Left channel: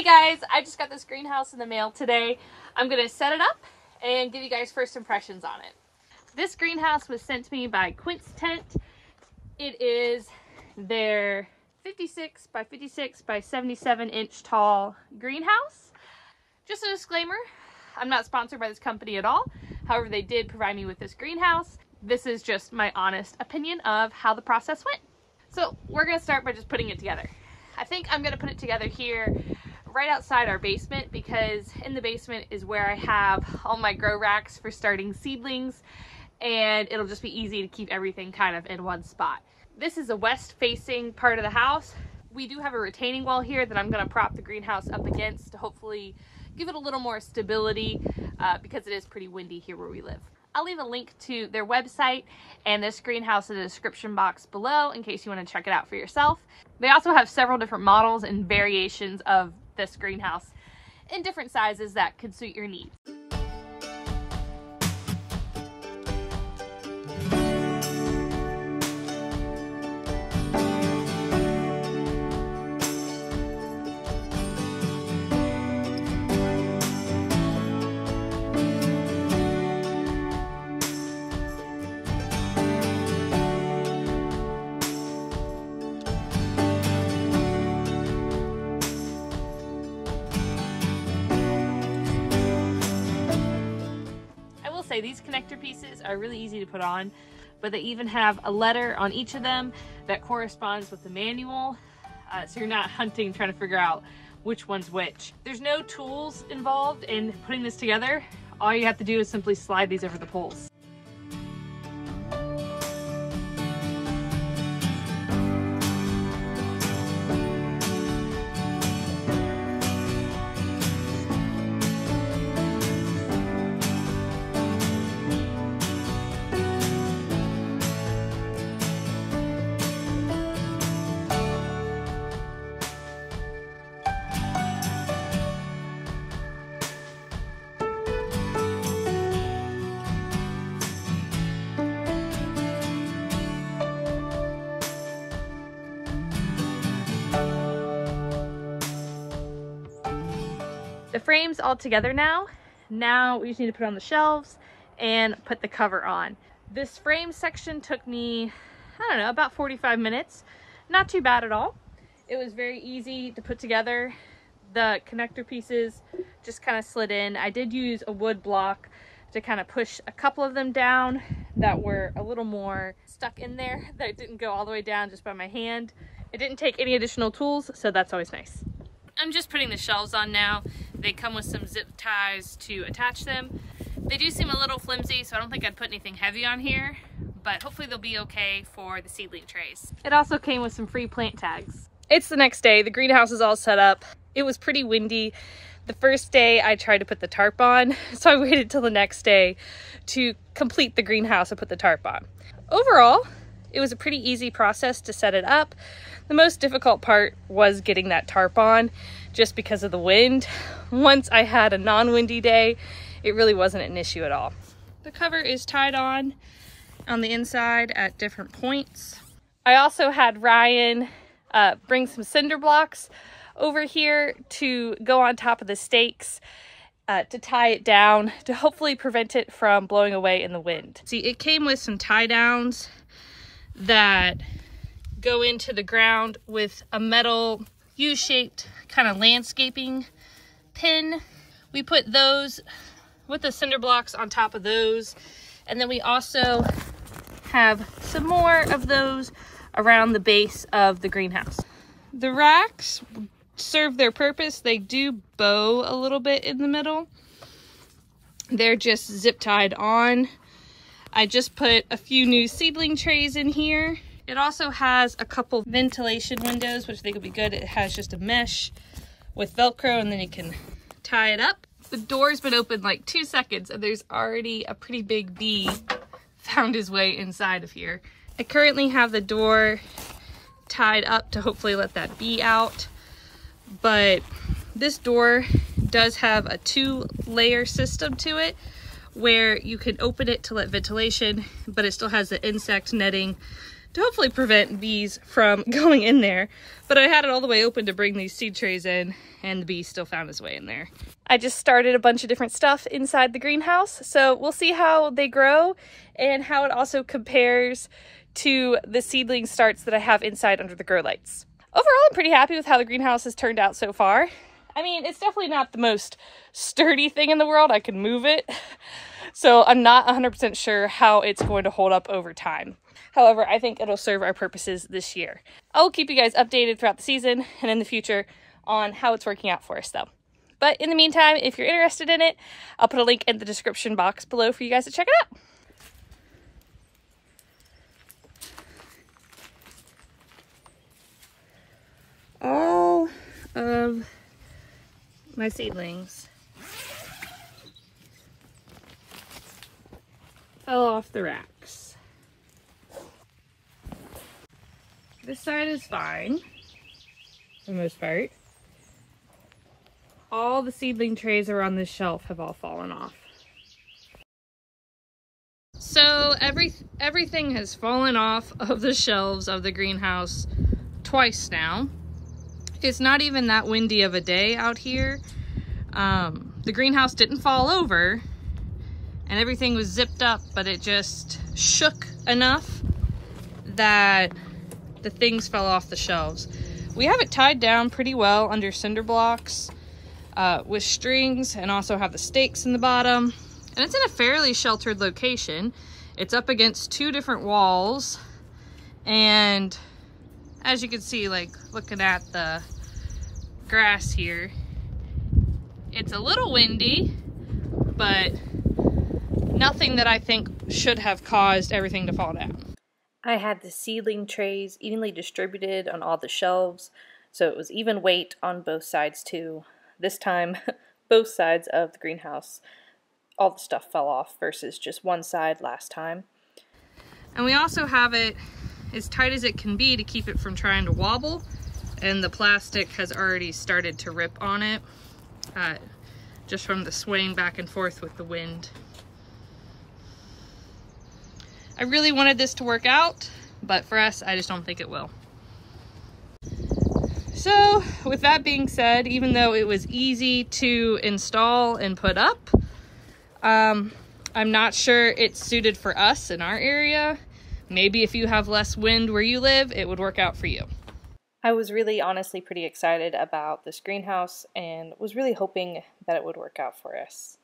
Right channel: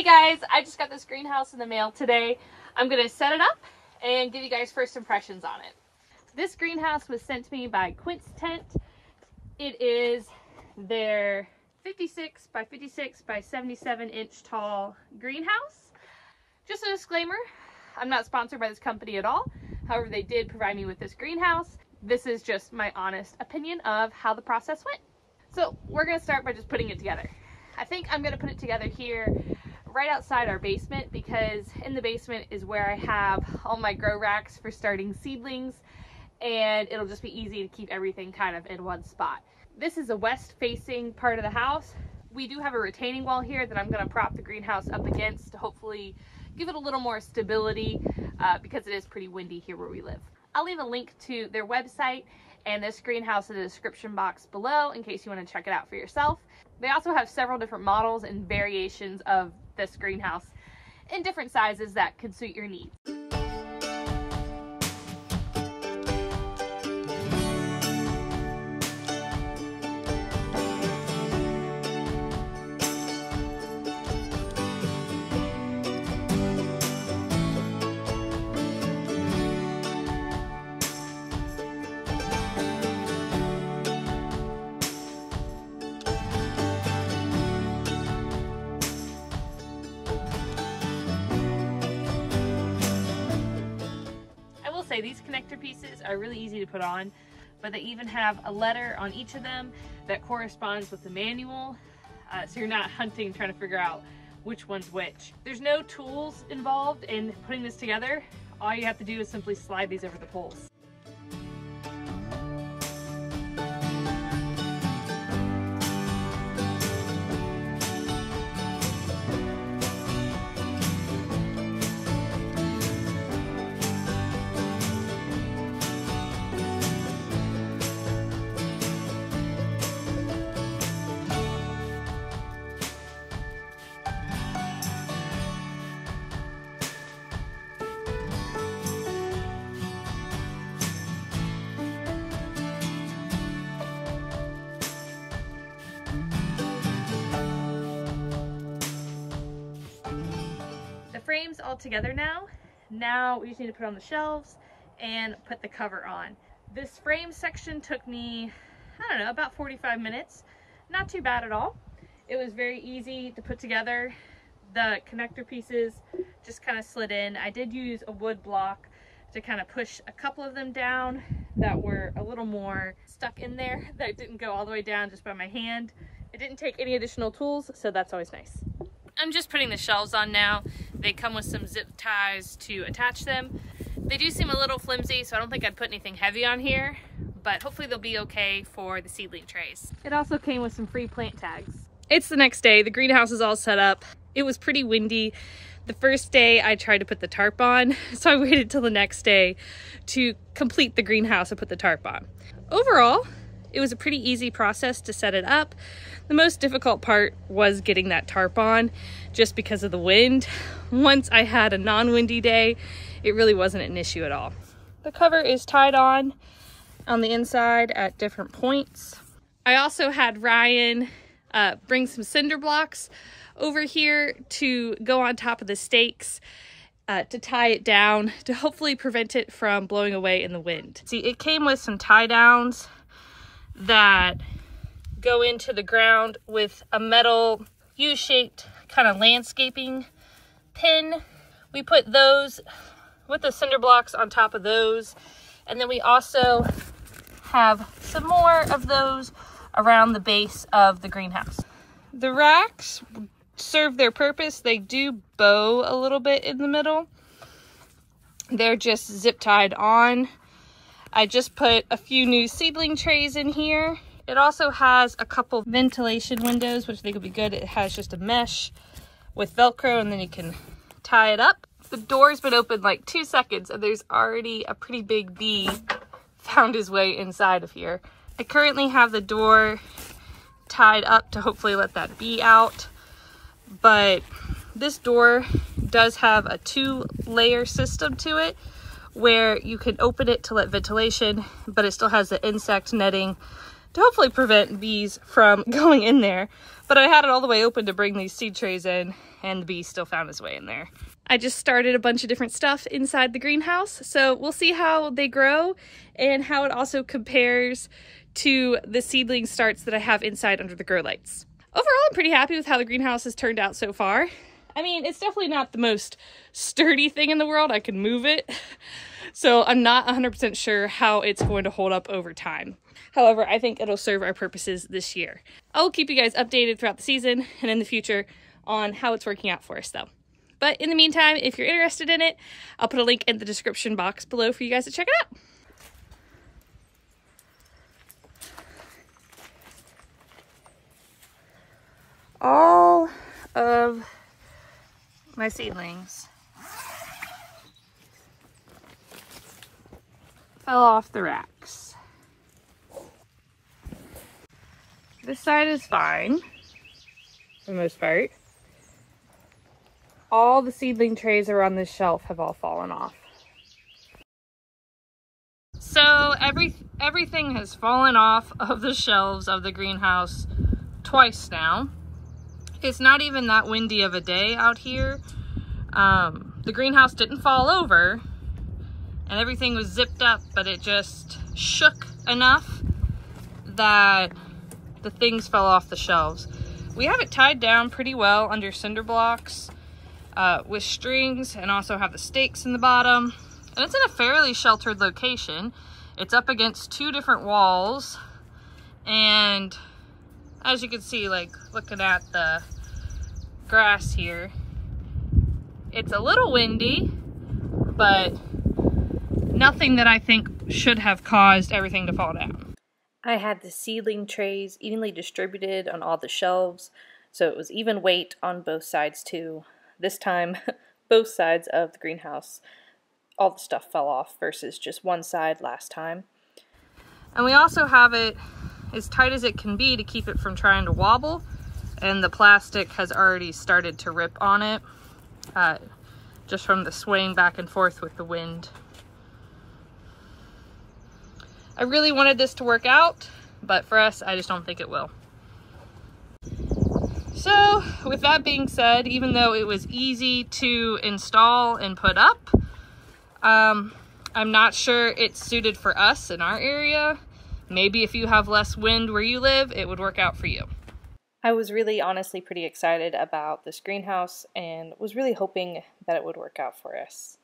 Hey guys, I just got this greenhouse in the mail today. I'm gonna set it up and give you guys first impressions on it. This greenhouse was sent to me by Quictents. It is their 56 by 56 by 77 inch tall greenhouse. Just a disclaimer, I'm not sponsored by this company at all. However, they did provide me with this greenhouse. This is just my honest opinion of how the process went. So we're gonna start by just putting it together. I think I'm gonna put it together here right outside our basement, because in the basement is where I have all my grow racks for starting seedlings, and it'll just be easy to keep everything kind of in one spot. This is a west facing part of the house. We do have a retaining wall here that I'm going to prop the greenhouse up against to hopefully give it a little more stability because it is pretty windy here where we live. I'll leave a link to their website and this greenhouse in the description box below in case you want to check it out for yourself. They also have several different models and variations of this greenhouse in different sizes that could suit your needs. These connector pieces are really easy to put on, but they even have a letter on each of them that corresponds with the manual, so you're not hunting trying to figure out which one's which. There's no tools involved in putting this together. All you have to do is simply slide these over the poles. The frame's all together now. Now we just need to put on the shelves and put the cover on. This frame section took me, I don't know, about 45 minutes. Not too bad at all. It was very easy to put together. The connector pieces just kind of slid in. I did use a wood block to kind of push a couple of them down that were a little more stuck in there, that didn't go all the way down just by my hand. It didn't take any additional tools, so that's always nice. I'm just putting the shelves on now. They come with some zip ties to attach them. They do seem a little flimsy, so I don't think I'd put anything heavy on here, but hopefully they'll be okay for the seedling trays. It also came with some free plant tags. It's the next day. The greenhouse is all set up. It was pretty windy. The first day I tried to put the tarp on, so I waited till the next day to complete the greenhouse and put the tarp on. Overall, it was a pretty easy process to set it up. The most difficult part was getting that tarp on just because of the wind. Once I had a non-windy day, it really wasn't an issue at all. The cover is tied on the inside at different points. I also had Ryan bring some cinder blocks over here to go on top of the stakes to tie it down to hopefully prevent it from blowing away in the wind. See, it came with some tie downs that go into the ground with a metal U-shaped kind of landscaping pin. We put those with the cinder blocks on top of those, and then we also have some more of those around the base of the greenhouse. The racks serve their purpose. They do bow a little bit in the middle. They're just zip tied on. I just put a few new seedling trays in here. It also has a couple ventilation windows, which I think will be good. It has just a mesh with Velcro, and then you can tie it up. The door's been open like 2 seconds, and there's already a pretty big bee found his way inside of here. I currently have the door tied up to hopefully let that bee out, but this door does have a 2-layer system to it where you can open it to let ventilation, but it still has the insect netting to hopefully prevent bees from going in there. But I had it all the way open to bring these seed trays in, and the bee still found his way in there. I just started a bunch of different stuff inside the greenhouse, so we'll see how they grow and how it also compares to the seedling starts that I have inside under the grow lights. Overall, I'm pretty happy with how the greenhouse has turned out so far. I mean, it's definitely not the most sturdy thing in the world. I can move it, so I'm not 100% sure how it's going to hold up over time. However, I think it'll serve our purposes this year. I'll keep you guys updated throughout the season and in the future on how it's working out for us though. But in the meantime, if you're interested in it, I'll put a link in the description box below for you guys to check it out. All of my seedlings fell off the racks. This side is fine for the most part. All the seedling trays that are on this shelf have all fallen off. So everything has fallen off of the shelves of the greenhouse twice now. It's not even that windy of a day out here. The greenhouse didn't fall over and everything was zipped up, but it just shook enough that the things fell off the shelves. We have it tied down pretty well under cinder blocks with strings, and also have the stakes in the bottom. And it's in a fairly sheltered location. It's up against two different walls. And as you can see, like looking at the grass here, it's a little windy, but nothing that I think should have caused everything to fall down. I had the seedling trays evenly distributed on all the shelves, so it was even weight on both sides too. This time, both sides of the greenhouse, all the stuff fell off versus just one side last time. And we also have it as tight as it can be to keep it from trying to wobble, and the plastic has already started to rip on it, just from the swaying back and forth with the wind. I really wanted this to work out, but for us, I just don't think it will. So with that being said, even though it was easy to install and put up, I'm not sure it's suited for us in our area. Maybe if you have less wind where you live, it would work out for you. I was really honestly pretty excited about this greenhouse and was really hoping that it would work out for us.